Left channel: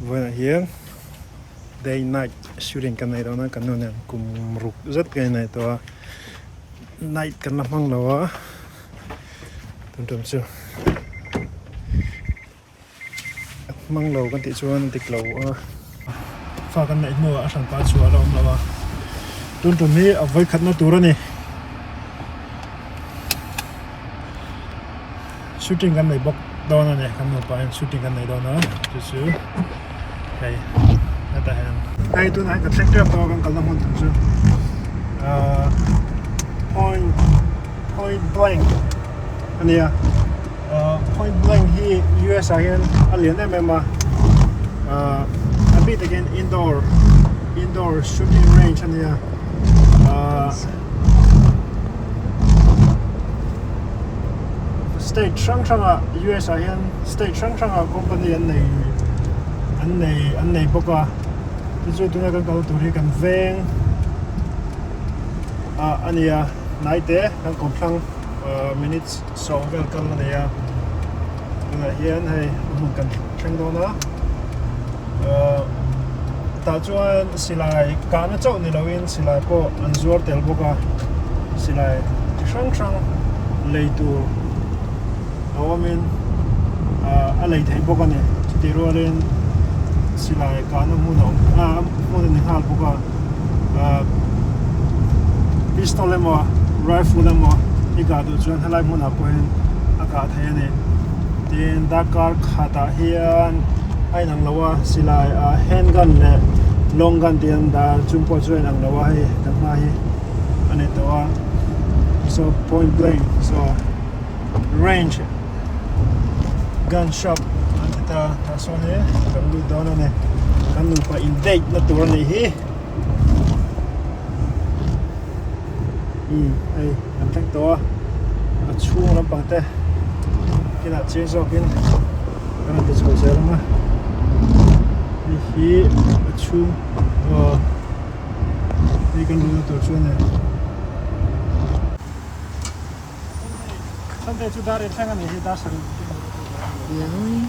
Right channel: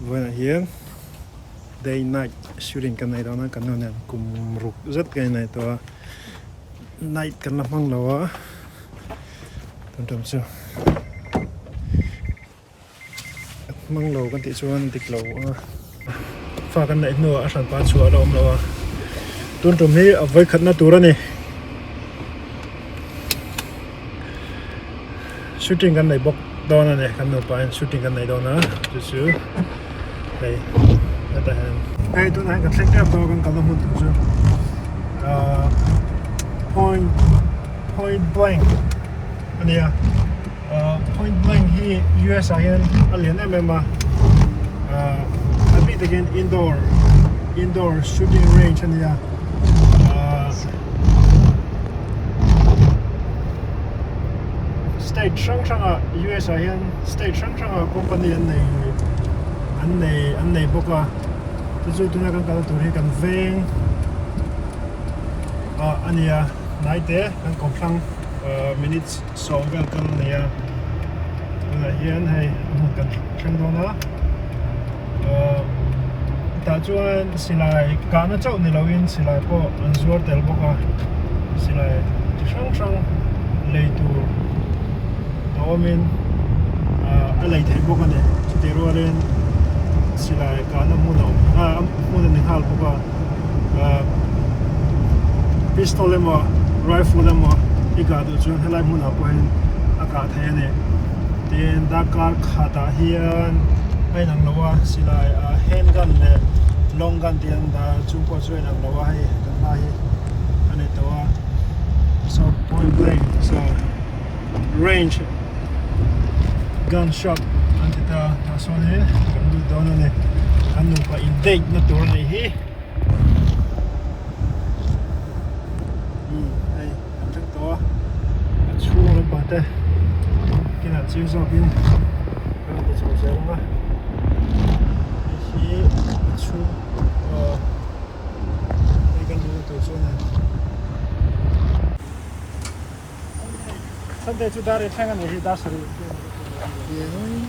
Vừa hiền day night shooting cái này đó nó cái này cùng rục rất cái này to night cái làm hăng lâu á tụi chúng chưa măng lâu cái tỷ chuan tịch lâu pha cái này nữa ở sản phẩm chùa đó lâu á tụi chúng này ở với khát na tour này shooting cái này bốc đó này cái nó phải shooting cái này đó nữa chút xíu cái ta hàng đây tụi này cái sector đó cái làm hăng tụi chưa point blank anh em point blank hi US hian alien MMA a bit again indoor shooting range anh em state sang US hian state sang company anh này boka tụi tụi này tụi này cần veng anh em nãy thế đang còn sang minutes so welcome này hiện hay cần tranh đó nữa ta chuan xin lại cả nó cháu này lâu yên xin lại bộ anh zuar tel boka xin lại sang lấy tu đó mình lấy thấy boka này chỉ rồi lên xin lại cả nó muốn này hal boka pistol em rifle em ikadu chuan helai hmuna poin aka thei ani tin dakar khata hian ainang lawa silai handgun le long gun tian da chumpo chuan ang lawa hi kan hi ane to so point blank so range gunshot antita so ne kan du don ne kan nu pa indate na tur nei hi ai làm cách to chung lắm bằng thế cái nào chiến sau cái nào tự chủ sẽ lắm á thì chung đi cái lối tổ chung này 선대 주다리 창안에 히다스리 예노이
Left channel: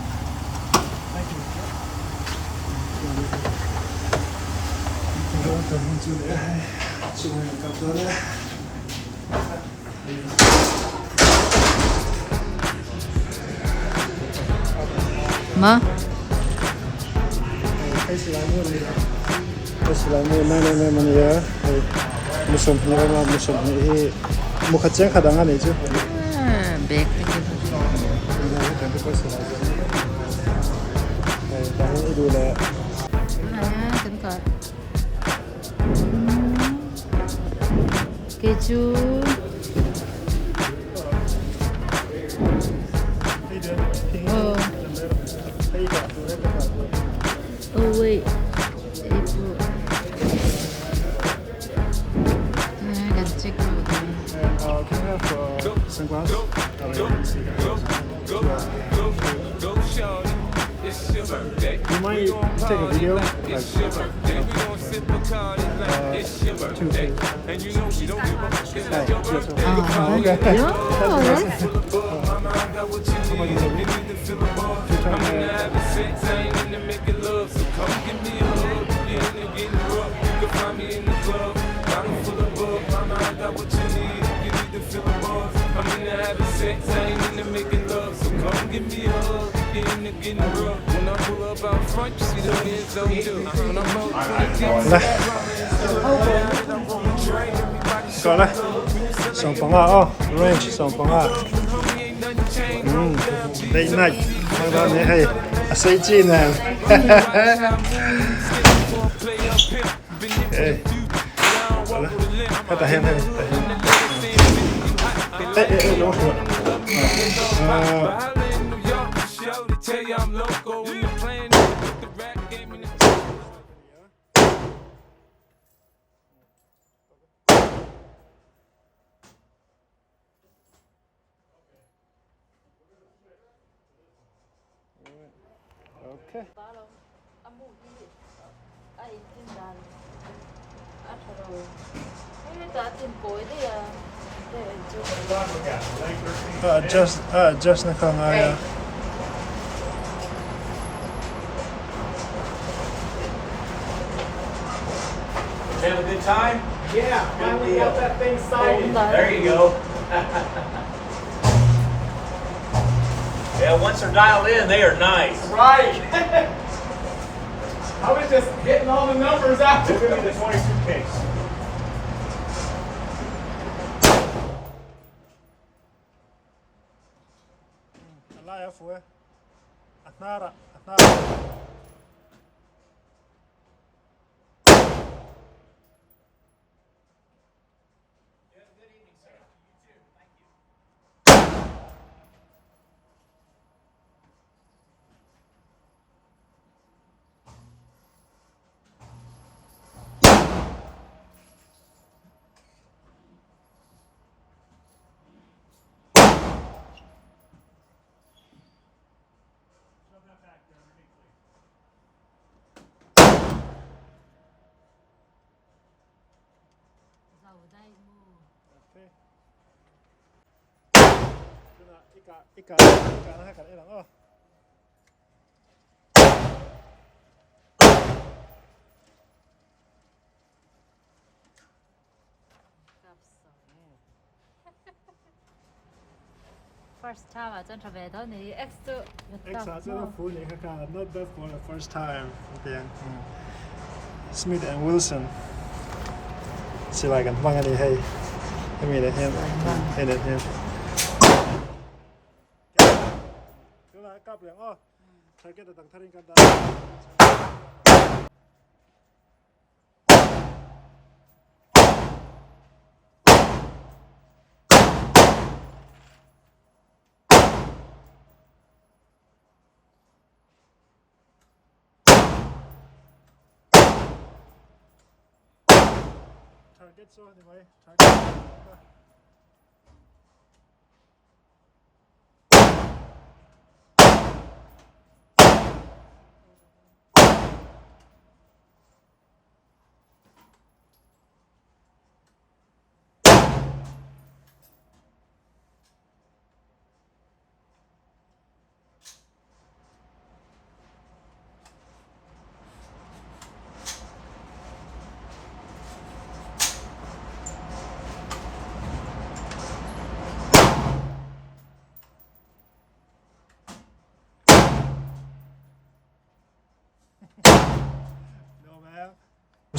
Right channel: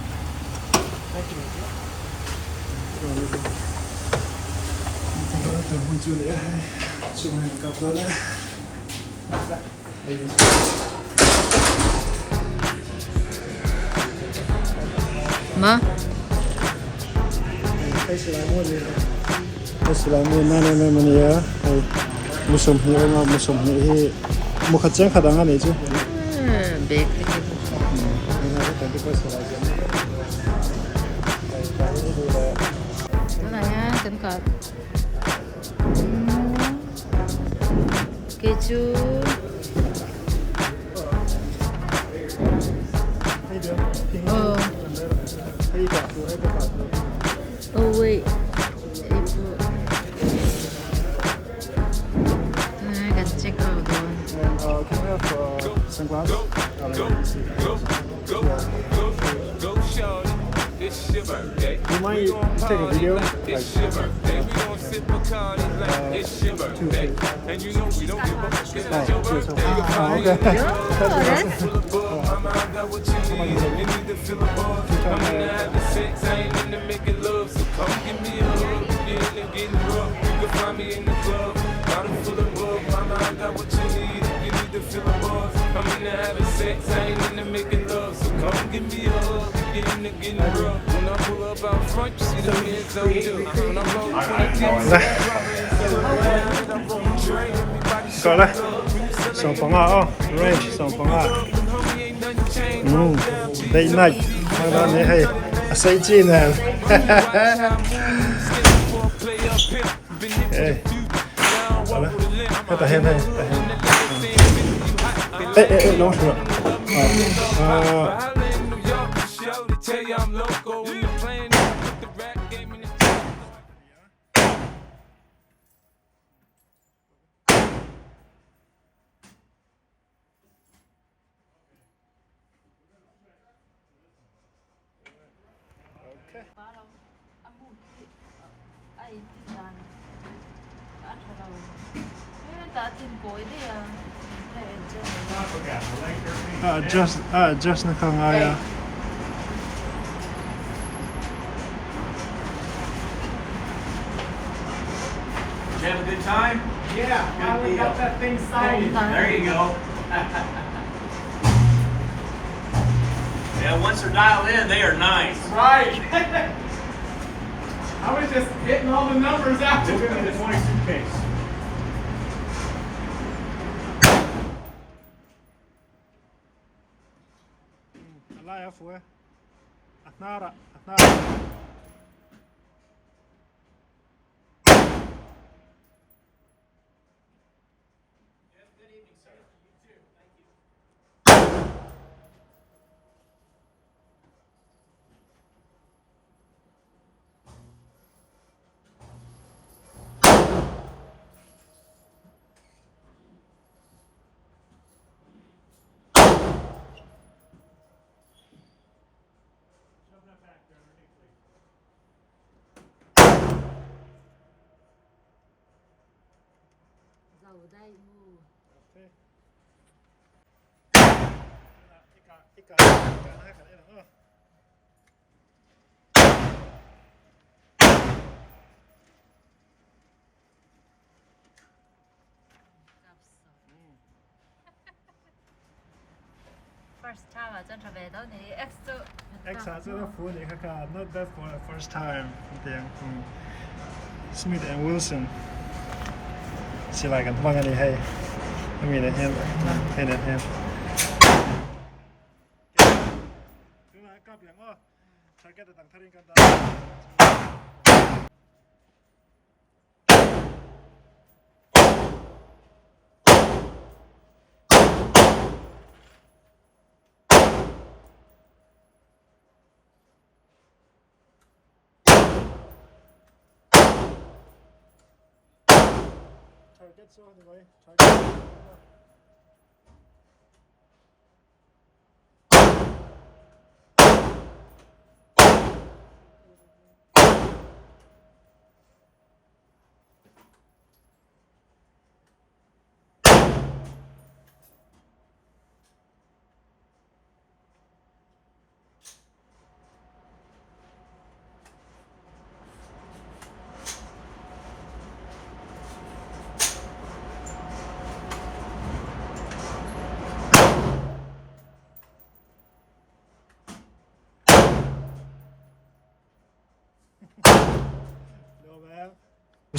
Ma? Assalamu alaikum ya. Musim ini muka ceng kadang ada itu. Baik. Nanya tengkar. Keju. Oh. Oh wait. Ibu. Nah, ganti kalau Can we have sunglasses? You might take a video, like, two things. And you know we don't give up. Okay. I got what you need. You need to feel the buzz. I'm in the having sex, I ain't in the making love. So come give me a hug. You're in there getting rough. You can find me in the club. Bottle full of bug. Mama, I got what you need. You need to feel the buzz. I'm in the having sex, I ain't in the making love. So come give me a hug. You're in there getting rough. When I pull up out front, you see the men's on you. When I roll 20 dips, Có đây, sản phẩm range sản phẩm đây này, mang ra này hay, xây chi nè, hey, ta hen hay, nó adjust na ka nga ya. time? Yeah, finally got that thing sighted. There you go. Yeah, once they're dialed in, they are nice. Right. I was just hitting all the numbers out. Look at the 20 suitcase. الله يعفوه أثناء أثناء Dầu đây mua. إيكا أنا هكذا إيه لأ First time à chân trở về đó thì extra. Extra rất là phú này các not bad for the first time tiếng Smith and Wilson chỉ lạiกันฟังอันนี้ให้ไม่มีอะไรให้ให้เน็ตให้คือละกลับอย่างอ้อใช้แค่แต่ต่างทารินกันได้ Target so anyway. Target.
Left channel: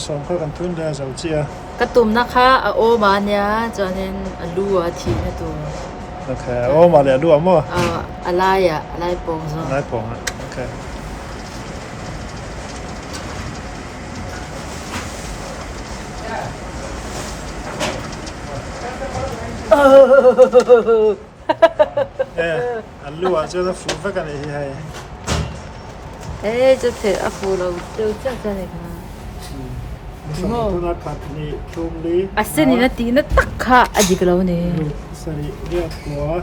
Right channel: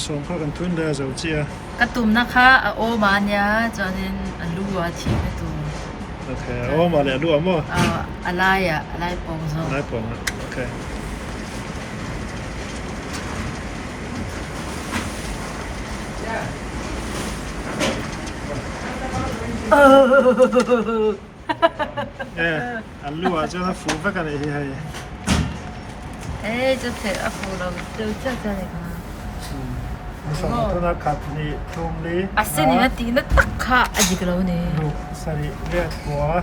Som kha kan thun da zau chia. Cái tùm nó khá ô mà nhá cho nên lúa thì cái tùm. Okay. Oh ma le lu amo. Alai bông rồi. Lai pong. Okay. Lu a cho nó phù phát cái này hay. Ê, cho thể áp phù đâu đâu chắc cho này. Som tu na khat ni tum li. À xin ni tí nó tắc khá à gì cái lâu nè. Sorry, dia tua.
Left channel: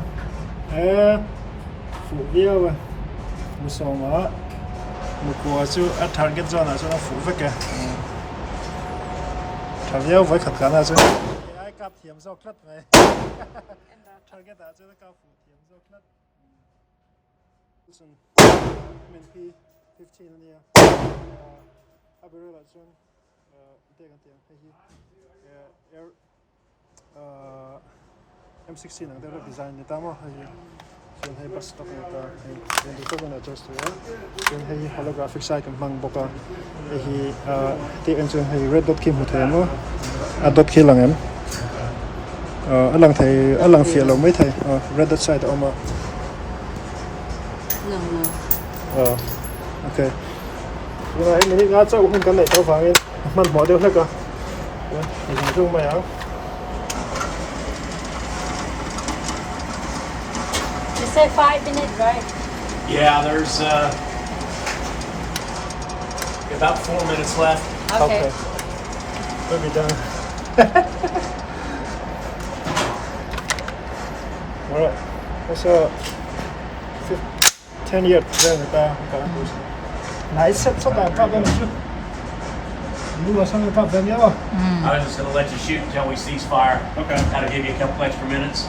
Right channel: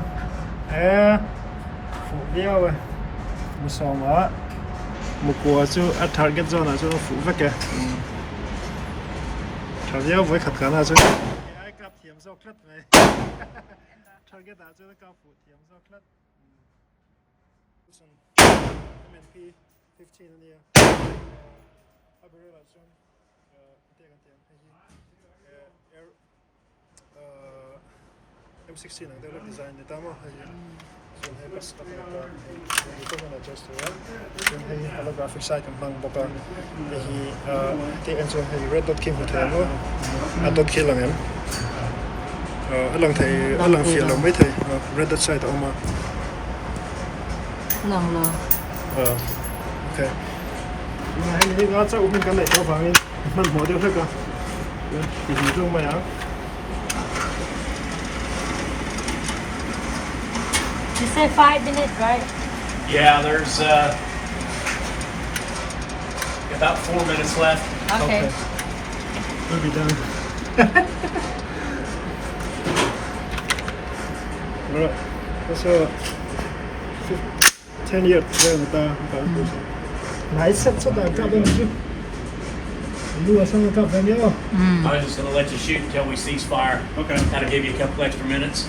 Phù dia wa. Mu som a. Mu ko chu a target zone a cho nó phù phát cái. Target với khát khá là chứ. Ai cặp thiểm sau khát này. Target à chứ nó cặp phù thiểm sau khát. MNP 15 anh em. Abiro là chung. Tiền tiền hay M16 ang dapat design nito mo hay film hay bas ko dito ko na just yung hay holographic site ang mang bokon hi ti ang chung hay red dot kim hotel mo dot ki lang em alang thai alang feel lo mai thai red dot site oma Lòng lờ. Okay ngày này ngã cháu không cần lại cháu vàngมันหมอเดียวแล้วก็อยู่ในช่วงมาแล้ว You said 5 minutes, right? Yeah, there's about 4 minutes left. Okay. We'll be done. Right. That's all. 10 years then nice set that got them too. You are something about them, yeah. I was just going to let you shoot until we cease fire. Okay. Kind of give you a couple extra minutes.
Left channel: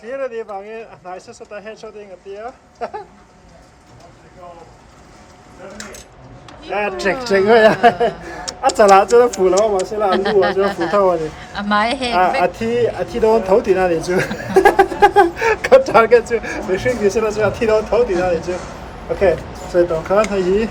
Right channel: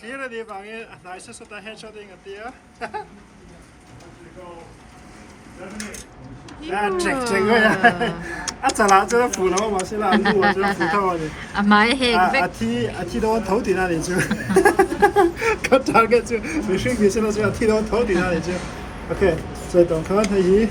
clear 的地方嘅，大色色的 headshot 嘅啲啊。啊，直個呀！啊，就啦，做得扶啦，我話先啦，路啊，做得扶頭啊你。啊買氣啊，逼，阿 T 到頭段啊你做。佢再嘅做，你選佢先啦，做阿 T 到頭段啊你做。OK，再動看睇住。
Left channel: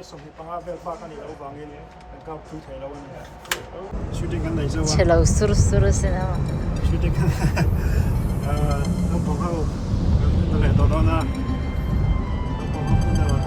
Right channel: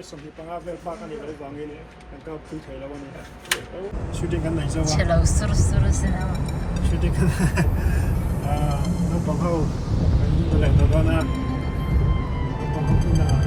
送去幫下佢花緊你老闆嘅咧，又交配條佬嘅。shooting 緊嚟啫嘛。斜路嗖嗖嗖先啊！ shooting 緊，น้องปองเขา嚟到啦，น้องปองเขาขึ้นมา